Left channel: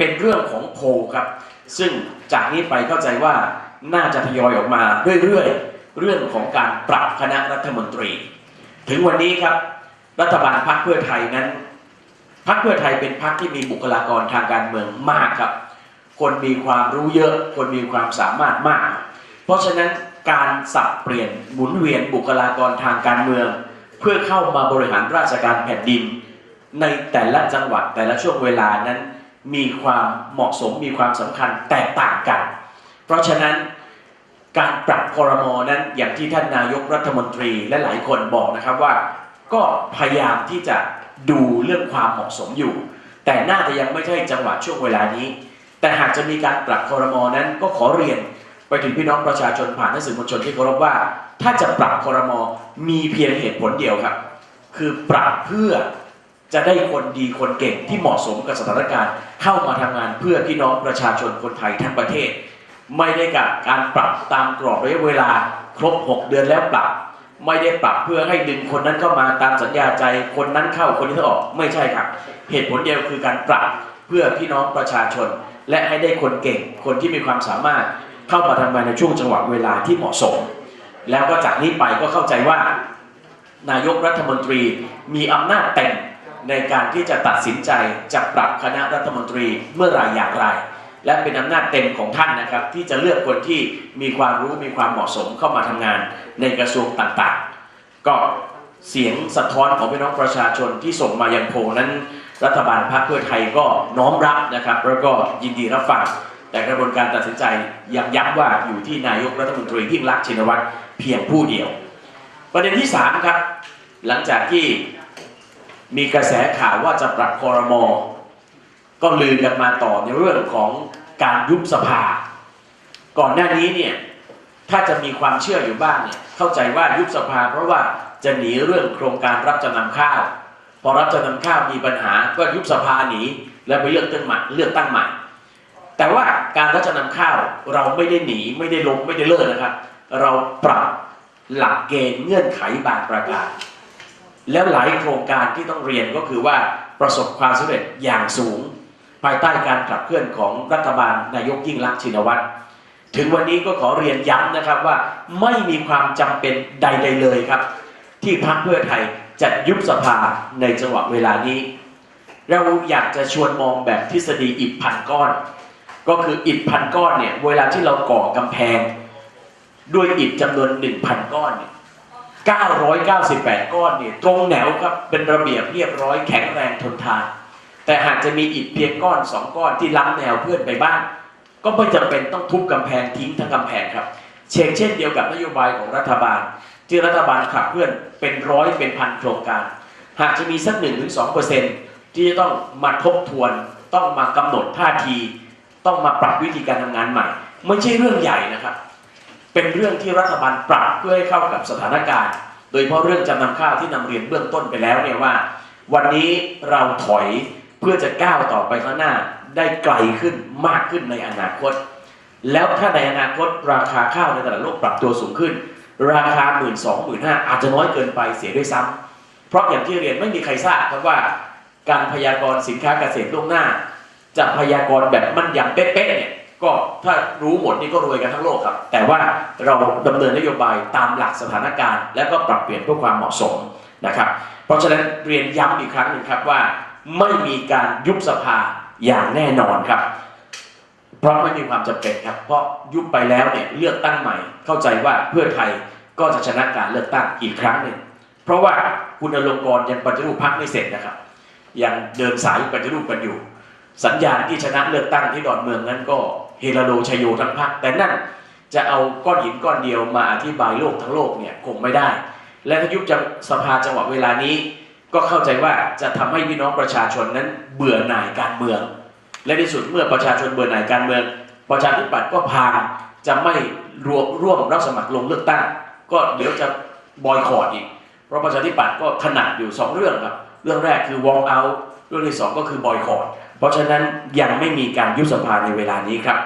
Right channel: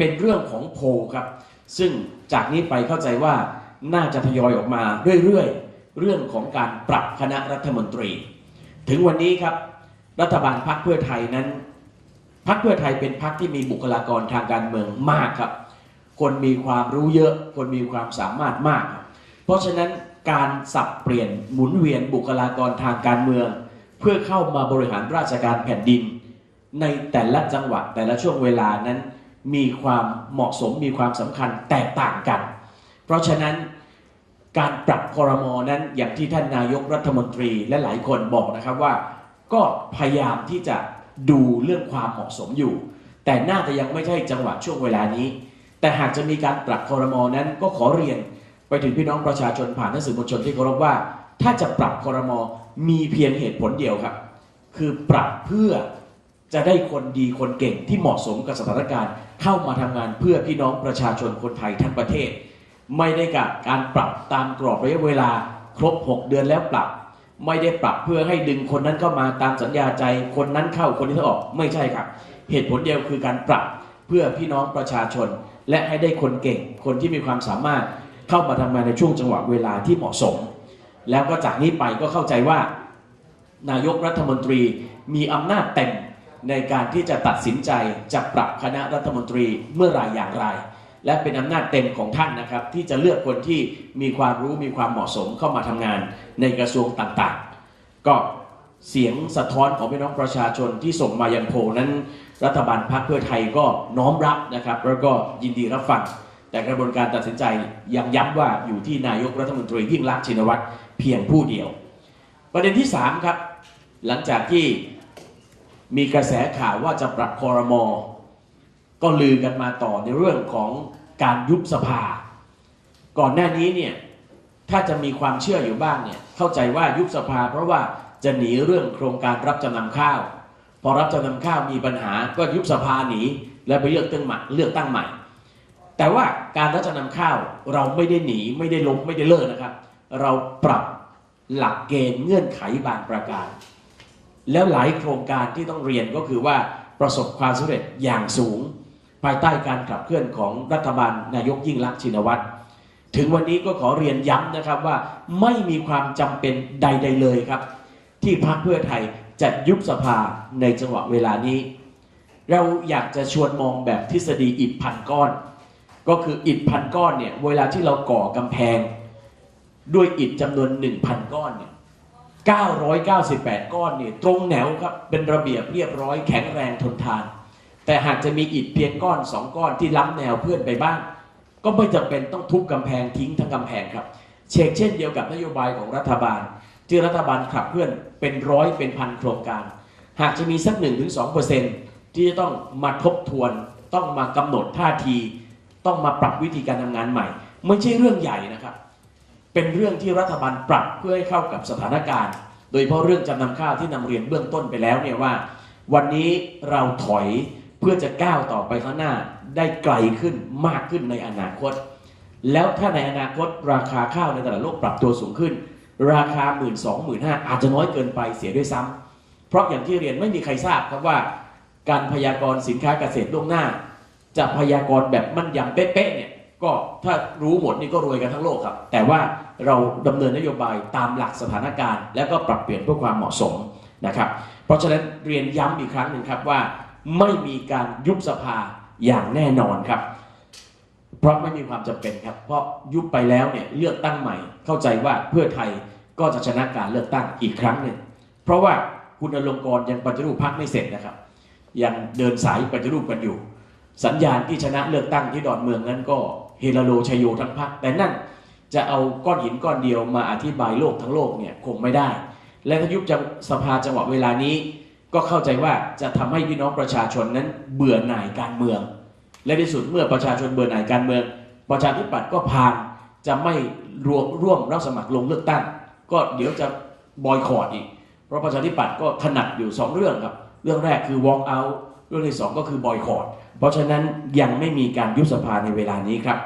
เป็นเรื่องของโพครับ ซึ่งจากนี้ไปเข้าใจว่าน่าจะทยอยออกมาเรื่อยๆ เรื่องของการปรับคณะรัฐมนตรี ถึงวันนี้ครับ รัฐบาลพรรคเพื่อไทยนั้นพรรคเพื่อไทยเป็นพรรคที่มีบุคลากรทางการเมืองมากครับ คนมีความรู้เยอะ คนมีความสามารถมาก เพราะฉะนั้นการสับเปลี่ยนหมุนเวียนบุคลากรทางการเมือง เพื่อเข้ามาบริหารราชการแผ่นดิน ในแต่ละจังหวัดแต่ละช่วงเวลานั้น มีความเหมาะสมมีความสำคัญแตกต่างกัน เพราะฉะนั้นการปรับคอรมอนั้นอย่างที่ท่านนายกรัฐมนตรีและหลายคนบอกนะครับว่า ก็พยายามที่จะดูเรื่องความเหมาะสมอยู่ แต่น่าจะยังไม่ใช่จังหวะช่วงเวลานี้ แต่หากจะมีการปรับคอรมอนั้นก็ขอเรียนไปถึงพี่น้องประชาชนผ่านหนังสือมวลชนที่เคารพว่า ถ้าจะปรับคอรมอมีเพียงเหตุผลเดียวครับ คือปรับเพื่อ จะได้คนดีคนเก่งที่เหมาะสมกับสถานการณ์ เข้ามาทำงานเพื่อพี่น้องประชาชนคนไทยทั้งประเทศ ไม่ได้กับการปรับตามกรอบระยะเวลาครบ 6 เดือนแล้วปรับ ไม่ได้ปรับเพื่อให้ดึงคนนั้นเข้ามาตามสัญญาใจคนนั้นเข้าคนนี้ออกไม่ใช่ครับ เหตุผลเดียวคือการปรับเพื่อพี่น้องประชาชน และให้ได้คนเก่ง คนที่มีความสามารถเข้ามาทำงานในช่วงจังหวะเวลาที่เหมาะสม แล้วก็จากนี้ไปก็เข้าใจว่า นายกรัฐมนตรีมีอำนาจเต็ม ในการที่จะตัดสินใจจะปรับคณะรัฐมนตรีเมื่อไรอย่างไร และเป็นอำนาจเต็มของท่านนะครับ ที่จะเลือกคนที่มีความรู้มีความเหมาะสมเข้ามาทำงานในกระทรวงต่างๆ ก็เสียงสะท้อนของพี่น้องประชาชนที่ส่งมายังโพนั้น รัฐบาลพรรคเพื่อไทยก็น้อมรับนะครับ แล้วก็ยินดีรับฟังแต่กระบวนการตัดสินใจยังย้ำว่าอยู่ที่นายกรัฐมนตรียิ่งรักชินวัตรเพียงผู้เดียว ประเด็นที่สามครับหลังจากที่ มีกระแสข่าวว่าจะปรับคอรมอก็ลือกันมาต่อในเรื่องของการยุบสภา ก่อนหน้านี้เนี่ยถ้าจะมีความเชื่ออยู่บ้างเนี่ยเข้าใจว่ายุบสภา เพราะว่าจะหนีเรื่องโครงการรับจำนำข้าว พอรับจำนำข้าวมีปัญหาก็ยุบสภาหนีแล้วไปเลือกตั้งใหม่เลือกตั้งใหม่ แต่ว่าการรับจำนำข้าวเราไม่ได้หนีไม่ได้ล้มไม่ได้เลิกนะครับ เราปรับหลักเกณฑ์เงื่อนไขบางประการ แล้วหลายโครงการที่ต้องเรียนก็คือว่าประสบความสำเร็จอย่างสูง ภายใต้การขับเคลื่อนของรัฐบาลนายกยิ่งรักษณ์ชินวัตรถึงวันนี้ก็ขอเรียนย้ำนะครับว่าไม่มีความจำเป็นใด ๆ เลยครับ ที่พรรคเพื่อไทยจะยุบสภาในจังหวะเวลานี้ เราอยากจะชวนมองแบบทฤษฎีอิฐพันก้อน ก็คืออิฐพันก้อนเนี่ยเวลาที่เราก่อกำแพง ด้วยอิฐจำนวน 1,000 ก้อนเนี่ย 998 ก้อนเนี่ยตรงแนวครับเป็นระเบียบเรียบร้อยแข็งแรงทนทาน แต่หากจะมีอิฐเพียงก้อนสองก้อนที่ล้ำแนวเพื่อนไปบ้าง ก็ไม่จำเป็นต้องทุบกำแพงทิ้งทั้งกำแพงครับ เช่นเช่นเดียวกับนโยบายของรัฐบาล ที่รัฐบาลขับเคลื่อนเป็นร้อยเป็นพันโครงการ หากจะมีสักหนึ่งถึงสองเปอร์เซ็นที่จะต้องมาทบทวน ต้องมากำหนดท่าที ต้องมาปรับวิธีการทำงานใหม่ ไม่ใช่เรื่องใหญ่นะครับ เป็นเรื่องที่รัฐบาลปรับเพื่อให้เข้ากับสถานการณ์ โดยเฉพาะเรื่องจำนำข้าวที่นำเรียนเบื้องต้นไปแล้วเนี่ยว่า วันนี้เราถอยเพื่อจะก้าวต่อไปข้างหน้าได้ไกลขึ้นมากขึ้นในอนาคต แล้วถ้าในอนาคตราคาข้าวในตลาดโลกปรับตัวสูงขึ้น ราคา1 2 0 0 0 0 1 5อาจจะน้อยเกินไปเสียด้วยซ้ำเพราะอย่างที่เรียนไม่มีใครทราบครับว่า การพยากรณ์สินค้าเกษตรล่วงหน้า จะพยากรณ์แบบมั่นยำเป๊ะๆเนี่ย ก็ถ้ารู้หมดนี่ก็รวยกันทั้งโลกครับ แต่ว่าเราดำเนินนโยบายตามหลักสถานการณ์ และก็ปรับเปลี่ยนเพื่อความเหมาะสมนะครับ เพราะฉะนั้นเรียนย้ำอีกครั้งหนึ่งครับว่าไม่มีการยุบสภาอย่างแน่นอนครับ เพราะไม่มีความจำเป็นครับ เพราะยุบไปแล้วเนี่ยเลือกตั้งใหม่ เข้าใจว่าเพื่อไทยก็จะชนะการเลือกตั้งอีกครั้งหนึ่งเพราะว่าคุณอลงกรยังปฏิรูปพรรคไม่เสร็จนะครับ ยังเดินสายปฏิรูปกันอยู่ สัญญาณที่ชนะเลือกตั้งที่ดอนเมืองนั้นก็ เฮลาโลชัยโยทั้งพรรคแต่นั่นจะเอาก้อนหินก้อนเดียวมาอธิบายโลกทั้งโลกเนี่ยคงไม่ได้ และถ้ายุบสภาจังหวะเวลานี้ ก็เข้าใจว่าจะทำให้พี่น้องประชาชนนั้นเบื่อหน่ายการเมือง และที่สุดเมื่อประชาชนเบื่อหน่ายการเมือง ประชาธิปัตย์ก็พาจะไม่รวมร่วมรับสมัครลงเลือกตั้ง ก็เดี๋ยวจะบอยคอรดอีก เพราะประชาธิปัตย์ก็ถนัดอยู่สองเรื่องครับ เรื่องแรกคือ walk out เรื่องที่สองก็คือบอยคอรด เพราะฉะนั้นยังไม่มีการยุบสภาในเวลานี้ครับ